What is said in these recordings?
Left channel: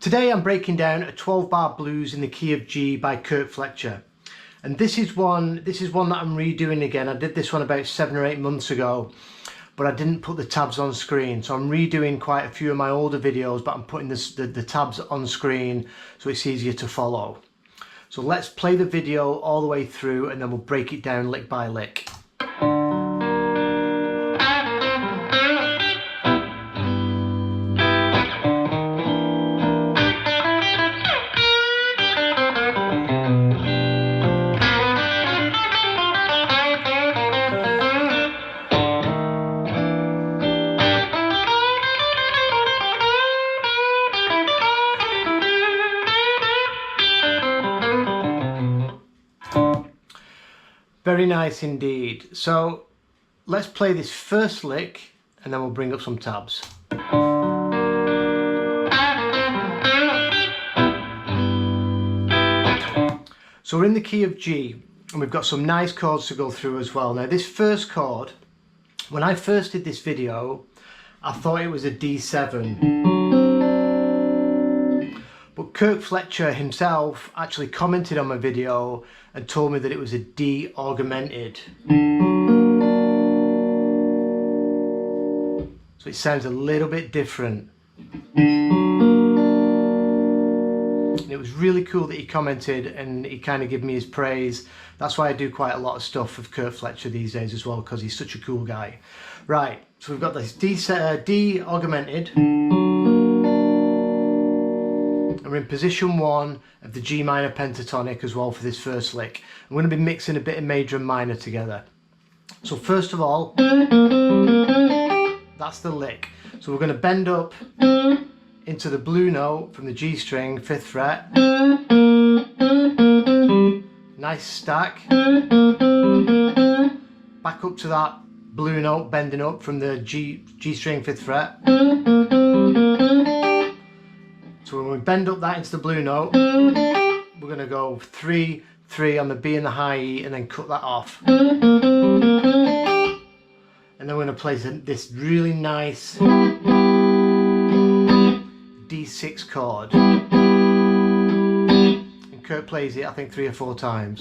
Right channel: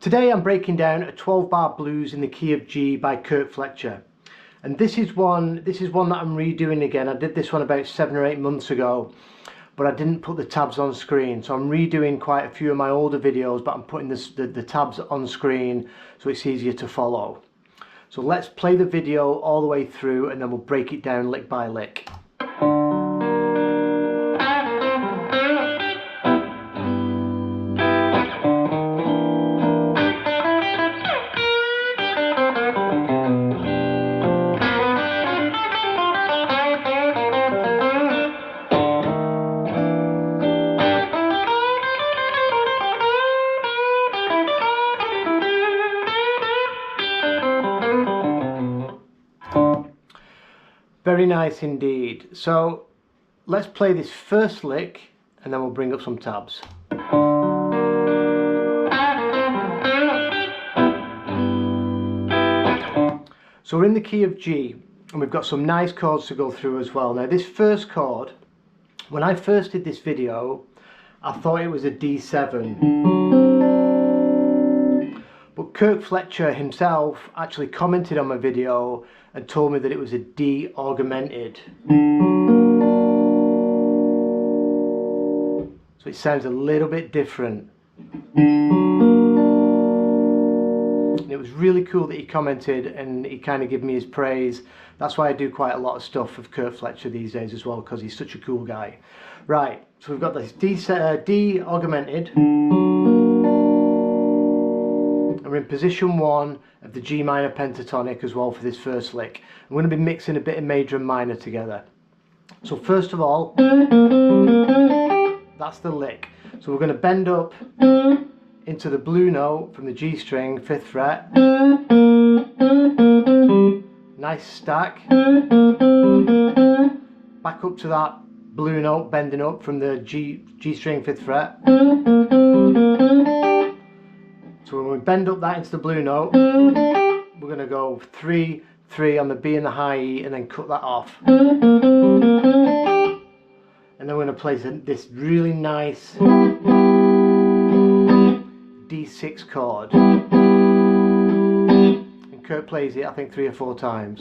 Today I'm breaking down a 12-bar blues in the key of G by Kirk Fletcher. And this is one that I'm redoing again. I did this one about 7 or 8 months ago, but I didn't put the tabs on screen. So I'm redoing quite a few of my older videos, but I'm putting the tabs on screen so it's easier to follow. So let's play the video all the way through and then we'll break it down lick by lick. Very nice indeed. So let's play this first lick and then we'll bring up some tabs. So we're in the key of G and we've got some nice chords to go through as well. Now this first chord, when I first did this video, I thought it was a D7. But Kirk Fletcher himself actually commented on my video and told me that it was a D augmented. So it sounds a little bit different. And it was really cool that he commented and he kind of gave me his praise. That's why I do quite a lot of stuff with Kirk Fletcher these days as well, because he's such a cool guy. Right, so we've got this D augmented. We're in position 1 of the G minor pentatonic as well for this first lick. I'm going to be mixing a bit of major and minor together. So first of all, that's the lick. So we're going to bend up into the blue note from the G string, 5th fret. Nice stack. Back up to that blue note, bending up from the G string, 5th fret. So when we bend up that into the blue note, we're going to go 3, 3 on the B and the high E and then cut that off. And then we're going to play this really nice D6 chord. And Kirk plays it I think 3 or 4 times.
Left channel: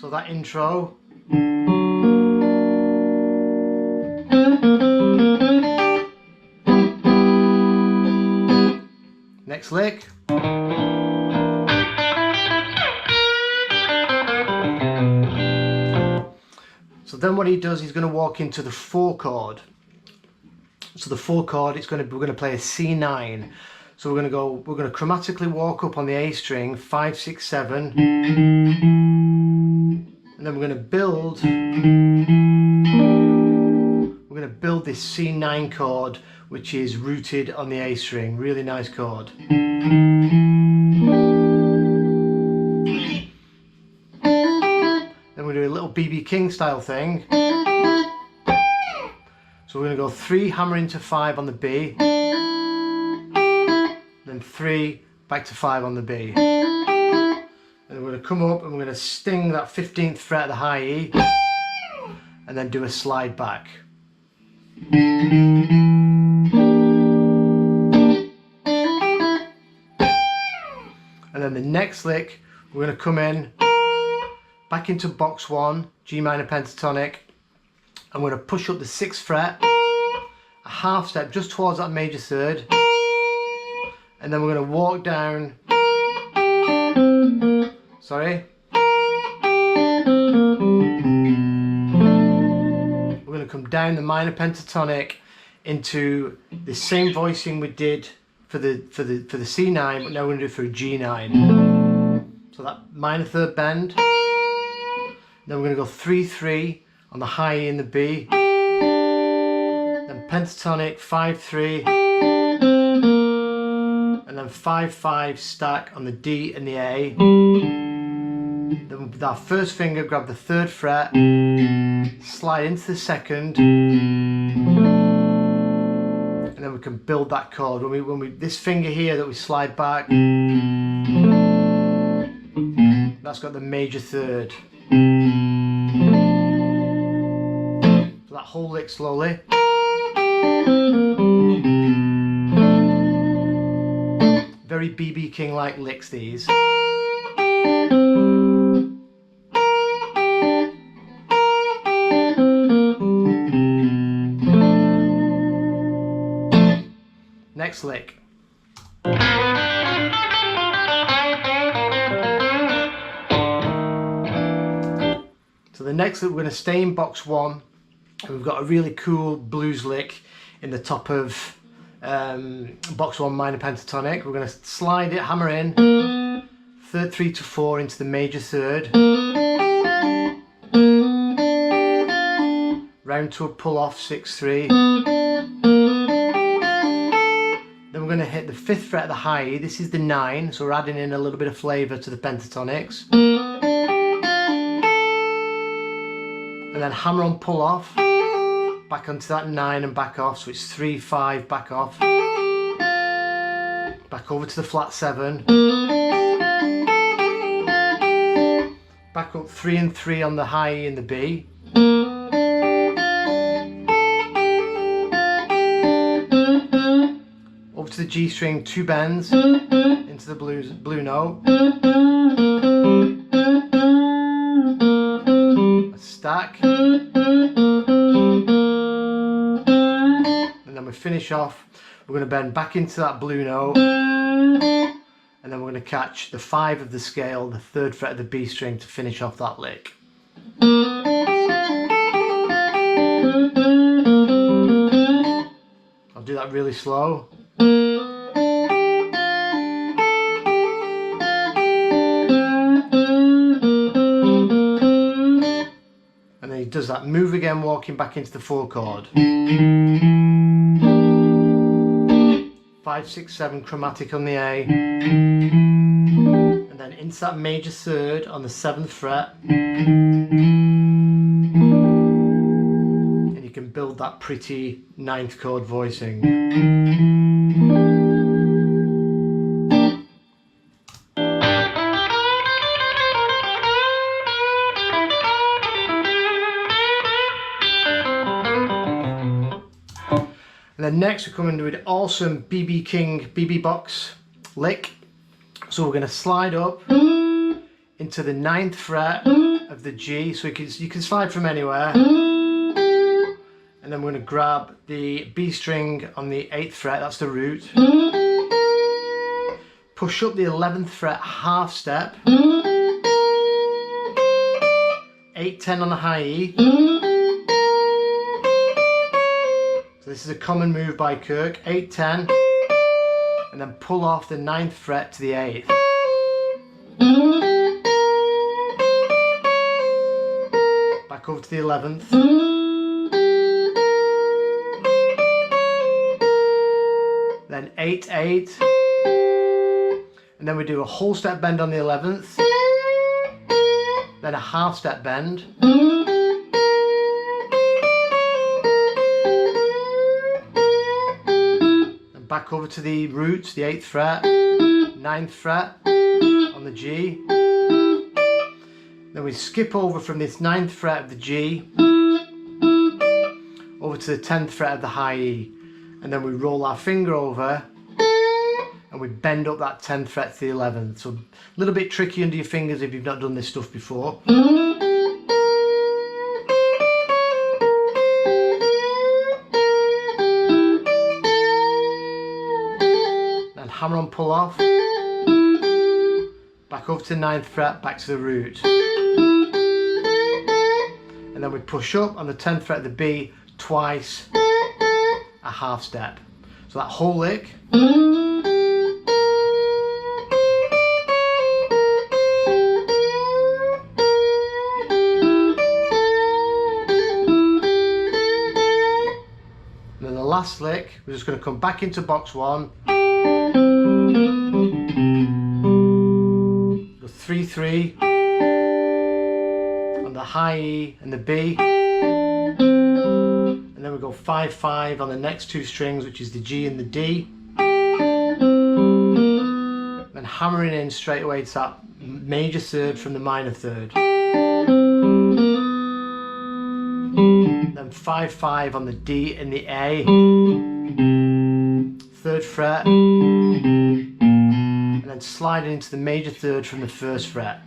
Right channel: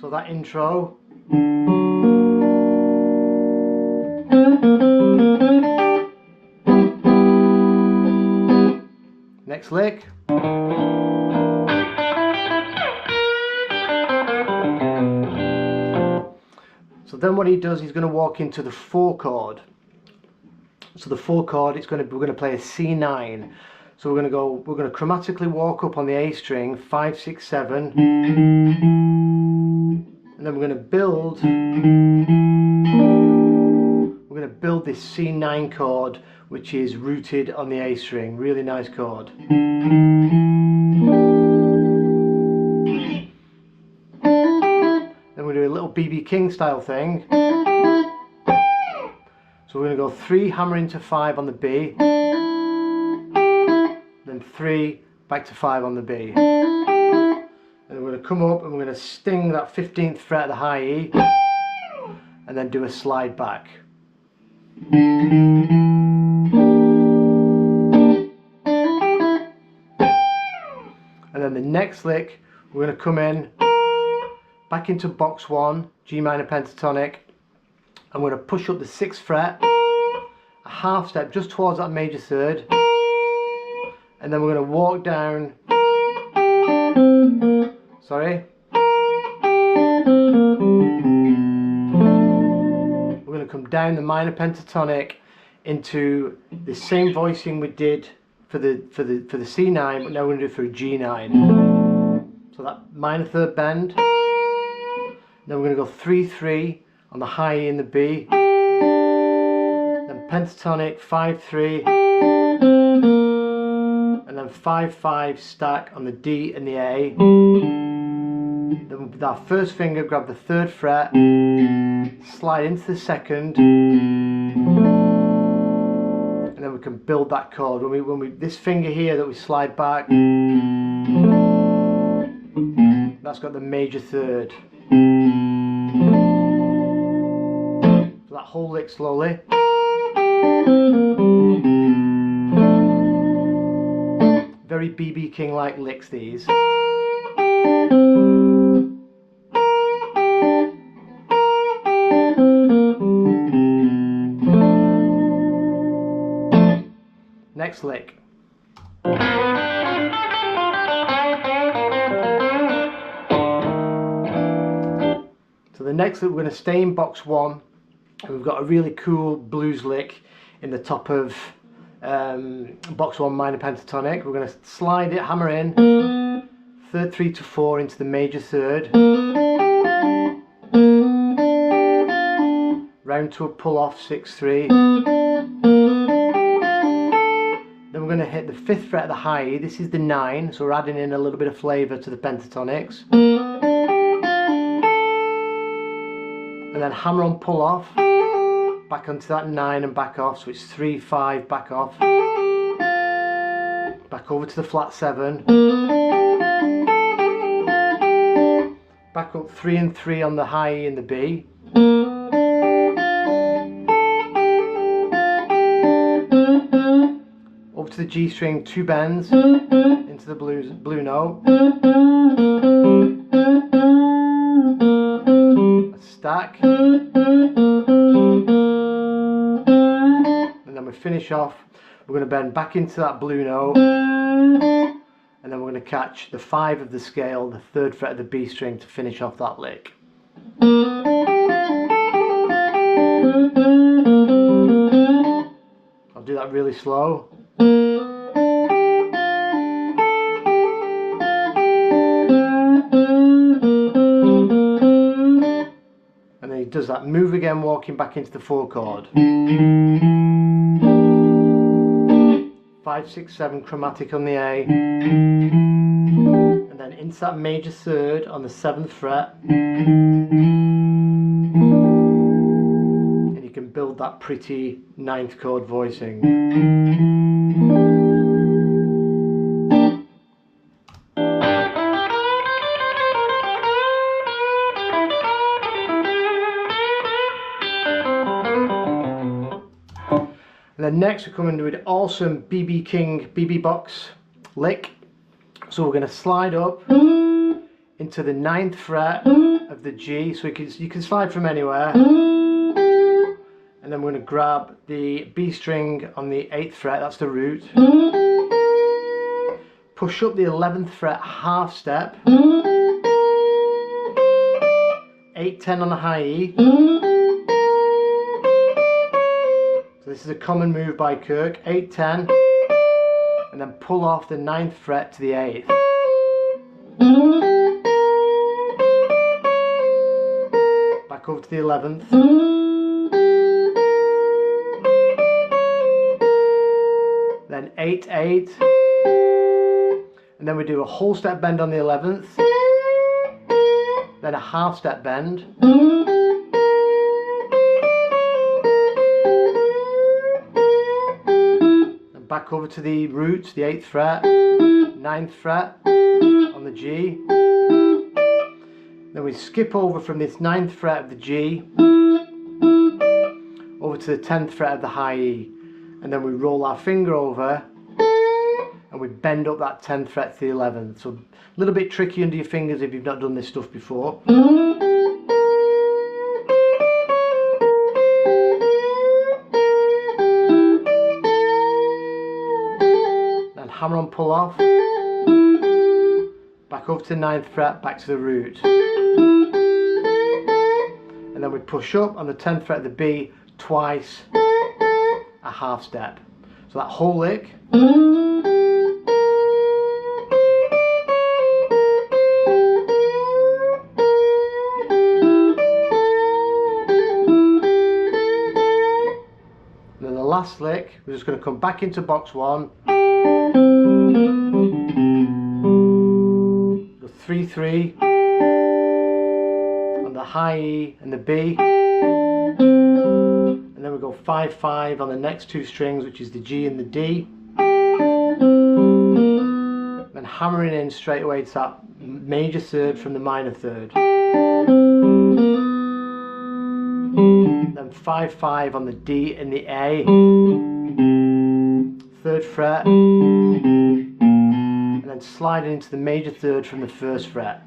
So that intro. Next lick. So then what he does, he's going to walk into the 4 chord. So the 4 chord, we're going to play a C9. So we're going to chromatically walk up on the A string, 5, 6, 7. And then we're going to build this C9 chord, which is rooted on the A string. Really nice chord. Then we do a little B.B. King style thing. So we're going to go 3 hammer into 5 on the B, then 3 back to 5 on the B. And we're going to come up and we're going to sting that 15th fret of the high E and then do a slide back. And then the next lick, we're going to come in back into box 1, G minor pentatonic, and we're going to push up the 6th fret, a half step just towards that major third, and then we're going to walk down, we're going to come down the minor pentatonic into the same voicing we did for the C9, but now we're going to do it for a G9. So that minor third bend, then we're going to go 3, 3 on the high E and the B, then pentatonic 5, 3, and then 5, 5 stack on the D and the A. Then with our first finger grab the 3rd fret, slide into the 2nd, and then we can build that chord. When we this finger here that we slide back, that's got the major 3rd. So that whole lick slowly. very B.B. King-like licks, these. Next lick. So the next lick, we're going to stay in box 1. And we've got a really cool blues lick in the top of box 1 minor pentatonic. We're going to slide it, hammer in, third 3 to 4 into the major third, round to a pull off 6-3. Then we're going to hit the 5th fret of the high E. This is the 9, so we're adding in a little bit of flavour to the pentatonics. And then hammer on, pull off, back onto that 9 and back off, so it's 3-5, back off, back over to the flat 7, back up 3 and 3 on the high E and the B, over to the G string, 2 bends into the blue note, a stack, and then we finish off. We're going to bend back into that blue note, and then we're going to catch the 5 of the scale, the 3rd fret of the B string to finish off that lick. I'll do that really slow. And then he does that move again, walking back into the 4 chord. 5, 6, 7 chromatic on the A, and then into that major third on the 7th fret, and you can build that pretty 9th chord voicing. And then next we're coming to an awesome B.B. King BB box lick. So we're going to slide up into the 9th fret of the G, so you can slide from anywhere. And then we're going to grab the B string on the 8th fret, that's the root. Push up the 11th fret half step. 8-10 on the high E. So this is a common move by Kirk, 8-10, and then pull off the 9th fret to the 8th. Back over to the 11th. Then 8-8, and then we do a whole step bend on the 11th, then a half step bend. Back over to the root, the 8th fret, 9th fret on the G. Then we skip over from this 9th fret of the G over to the 10th fret of the high E, and then we roll our finger over and we bend up that 10th fret to the 11th. So a little bit tricky under your fingers if you've not done this stuff before. Hammer on, pull off, back over to the 9th fret, back to the root, and then we push up on the 10th fret of the B twice, a half step. So that whole lick. And then the last lick, we're just going to come back into box 1. 3-3 on the high E and the B, and then we go 5-5 on the next 2 strings, which is the G and the D, then hammering in straight away to that major third from the minor third, then 5-5 on the D and the A, 3rd fret, slide it into the major third from the first fret.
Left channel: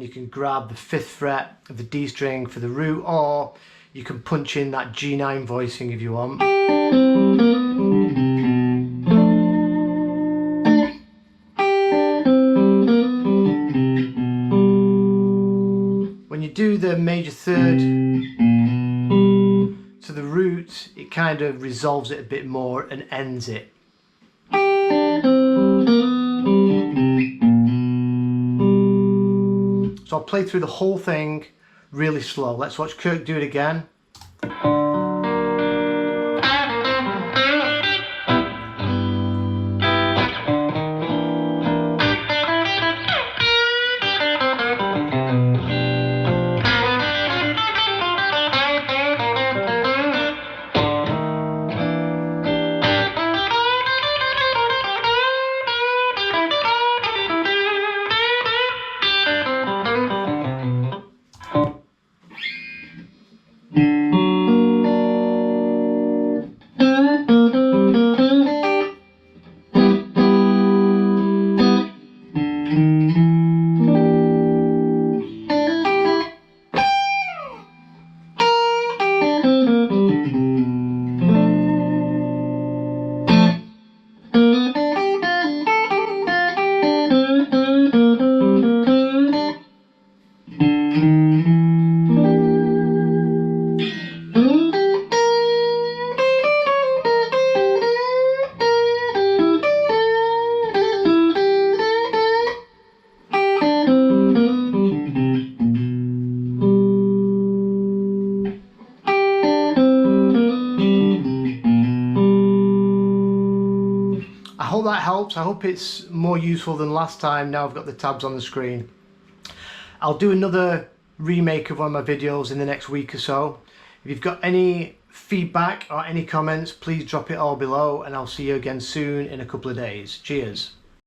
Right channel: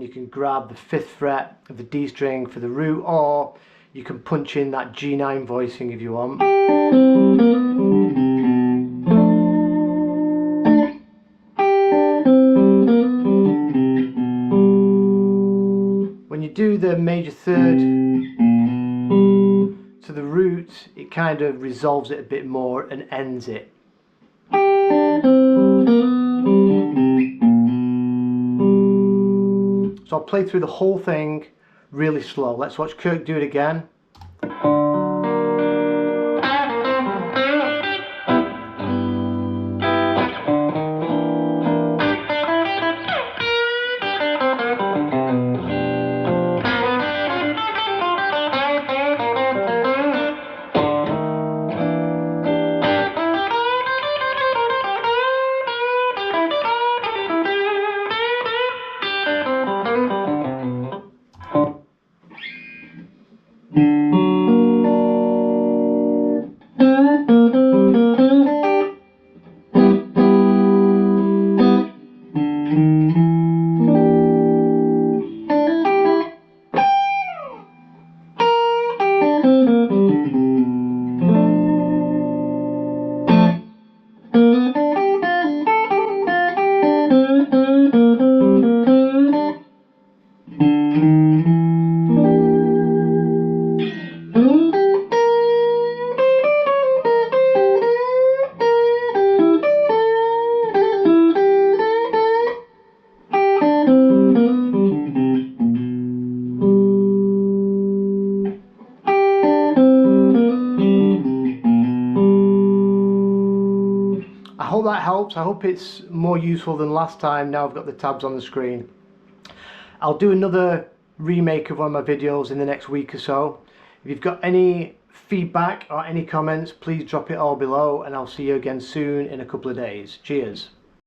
You can grab the 5th fret of the D string for the root, or you can punch in that G9 voicing if you want. When you do the major third to the root, it kind of resolves it a bit more and ends it. So I'll play through the whole thing really slow. Let's watch Kirk do it again. I hope that helps. I hope it's more useful than last time. Now I've got the tabs on the screen. I'll do another remake of one of my videos in the next week or so. If you've got any feedback or any comments, please drop it all below, and I'll see you again soon in a couple of days. Cheers.